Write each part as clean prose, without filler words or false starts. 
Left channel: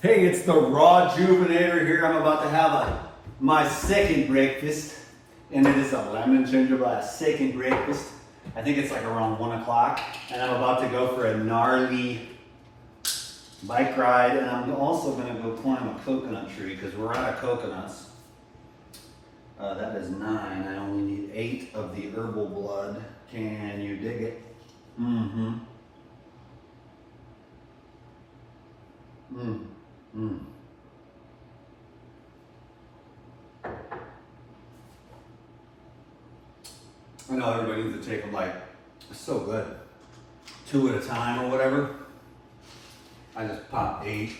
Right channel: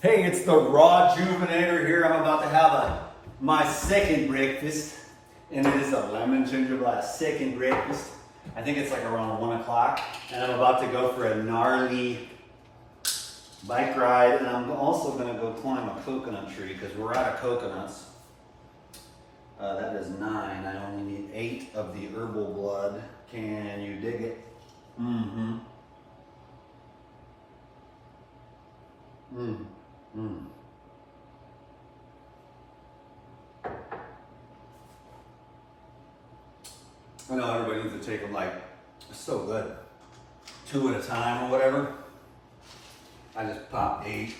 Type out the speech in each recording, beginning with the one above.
Hey, it's the Raw Juvenator here. I'm about to have my second breakfast, and it is a lemon gingerbread second breakfast. I think it's like around 1 o'clock, and I'm about to go for a gnarly bike ride, and I'm also gonna go climb a coconut tree because we're out of coconuts. That is 9. I only need 8 of the herbal blood. Can you dig it? Mm-hmm. I know everybody needs to take them like, it's so good. 2 at a time or whatever. I just pop 8.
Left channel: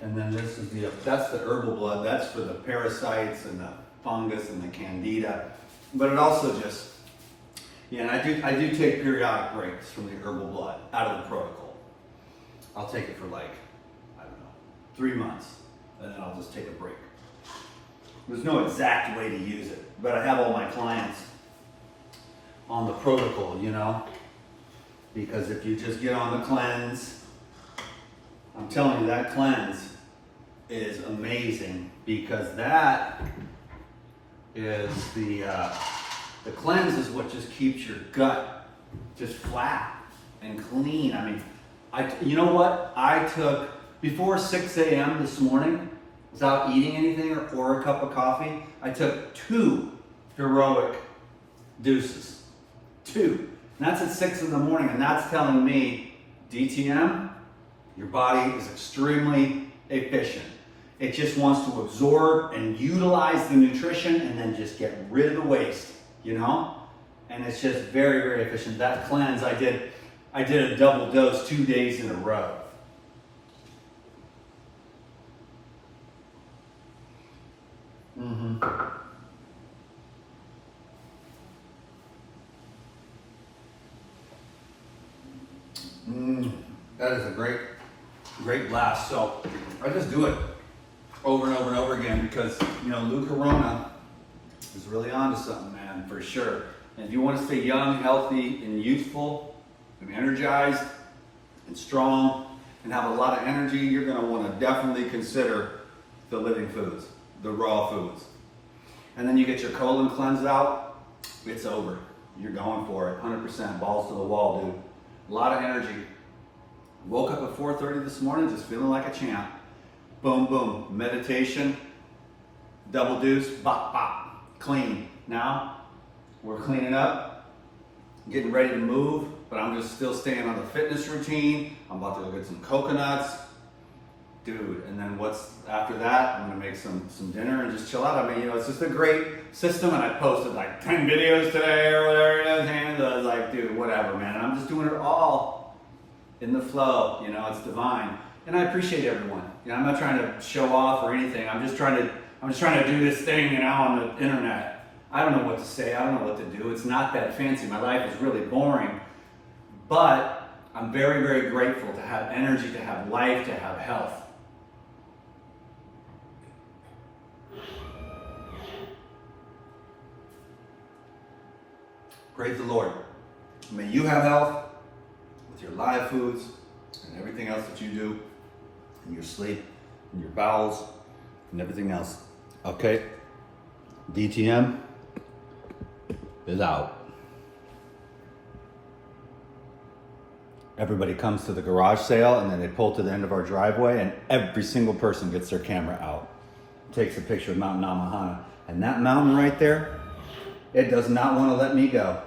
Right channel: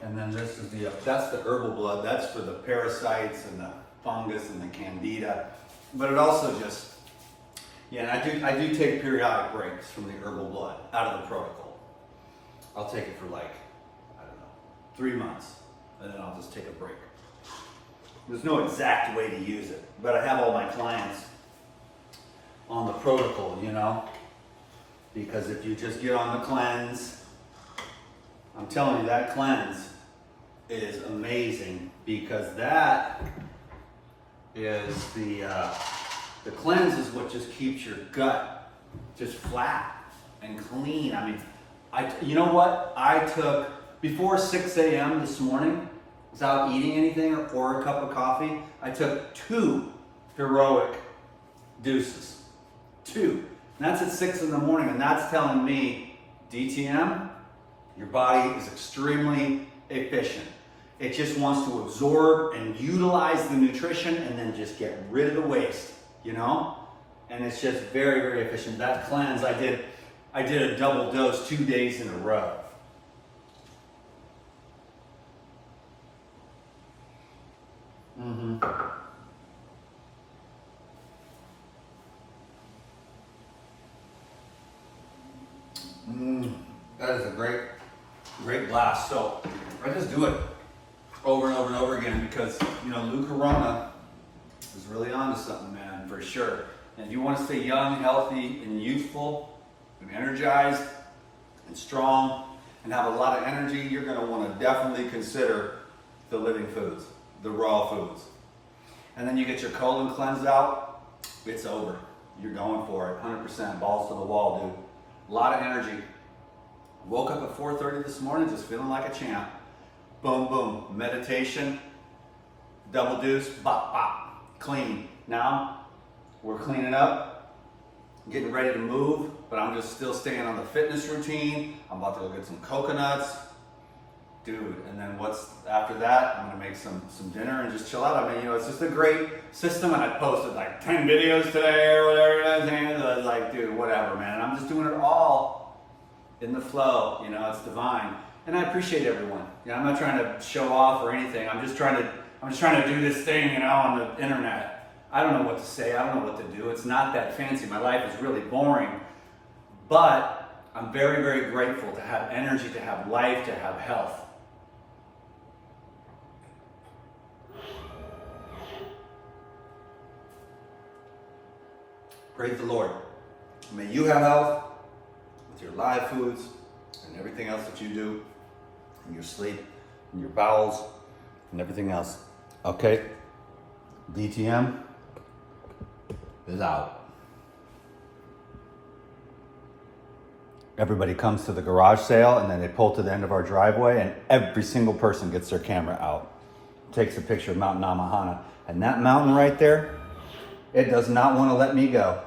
And then this is that's the herbal blood. That's for the parasites and the fungus and the candida. But it also just, yeah, and I do take periodic breaks from the herbal blood out of the protocol. I'll take it for like, I don't know, 3 months, and then I'll just take a break. There's no exact way to use it, but I have all my clients on the protocol, you know, because if you just get on the cleanse, I'm telling you, that cleanse is amazing, because that is the cleanse is what just keeps your gut just flat and clean. I mean, you know what? I took, before 6 a.m. this morning, without eating anything or a cup of coffee, I took 2 heroic deuces. 2. And that's at 6 in the morning, and that's telling me, DTM, your body is extremely efficient. It just wants to absorb and utilize the nutrition and then just get rid of the waste, you know? And it's just very, very efficient. That cleanse, I did a double dose 2 days in a row. That is a great blast. So I just do it over and over and over again because, you know, Lou Corona is really onto something, man, for sure. And if you want to stay young, healthy, and youthful, and energized, and strong, and have a lot of energy, you're going to want to definitely consider the living foods, the raw foods. And then you get your colon cleansed out, it's over. You're going for it, 100% balls to the wall, dude. A lot of energy. Woke up at 4:30 this morning just feeling like a champ. Boom, boom, meditation, double deuce, bop, bop, clean. Now, we're cleaning up, getting ready to move, but I'm just still staying on the fitness routine. I'm about to go get some coconuts. Dude, and then after that, I'm gonna make some dinner and just chill out. I mean, you know, it's just a great system, and I posted like 10 videos today or whatever it is, and I was like, dude, whatever, man. I'm just doing it all in the flow, you know, it's divine. And I appreciate everyone. You know, I'm not trying to show off or anything. I'm just trying to do this thing, you know, on the internet. I don't know what to say, I don't know what to do. It's not that fancy. My life is really boring. But I'm very, very grateful to have energy, to have life, to have health. Praise the Lord. May you have health with your live foods and everything else that you do, and your sleep, and your bowels, and everything else. Okay? DTM is out. Everybody comes to the garage sale, and then they pull to the end of our driveway, and every single person gets their camera out, takes a picture of Mount Namahana. And that mountain right there, it does not want to let me go.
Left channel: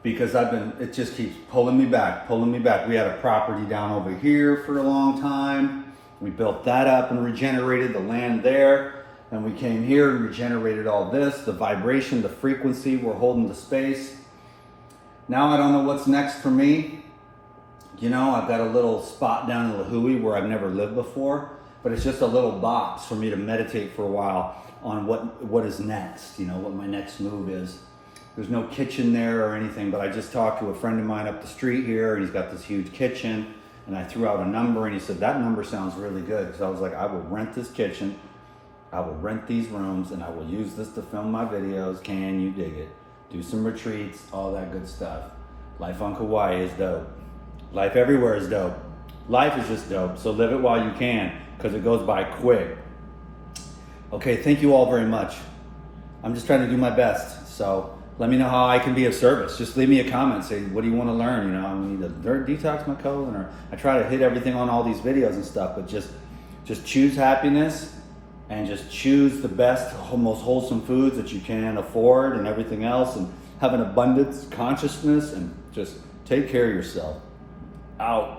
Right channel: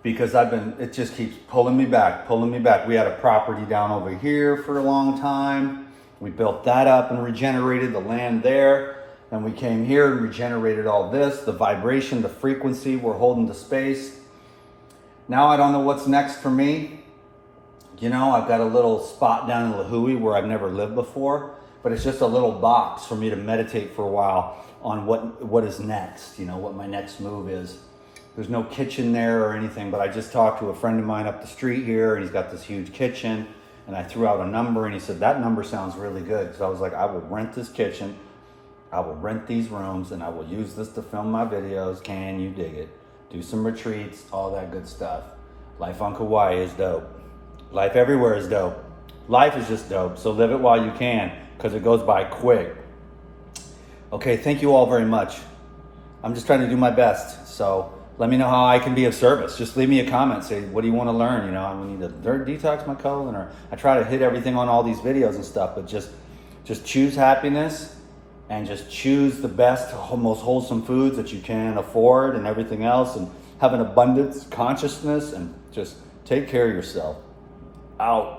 Because it just keeps pulling me back. We had a property down over here for a long time. We built that up and regenerated the land there. And we came here and regenerated all this, the vibration, the frequency, we're holding the space. Now I don't know what's next for me. You know, I've got a little spot down in Lahui where I've never lived before, but it's just a little box for me to meditate for a while on what is next, you know, what my next move is. There's no kitchen there or anything, but I just talked to a friend of mine up the street here, and he's got this huge kitchen, and I threw out a number, and he said, that number sounds really good. So I was like, I will rent this kitchen, I will rent these rooms, and I will use this to film my videos. Can you dig it? Do some retreats, all that good stuff. Life on Kauai is dope. Life everywhere is dope. Life is just dope, so live it while you can, because it goes by quick. Okay, thank you all very much. I'm just trying to do my best, so let me know how I can be of service. Just leave me a comment, say, what do you want to learn? You know, we need to detox my colon, or I try to hit everything on all these videos and stuff, but just choose happiness and just choose the best, most wholesome foods that you can afford and everything else, and have an abundance consciousness, and just take care of yourself. Out.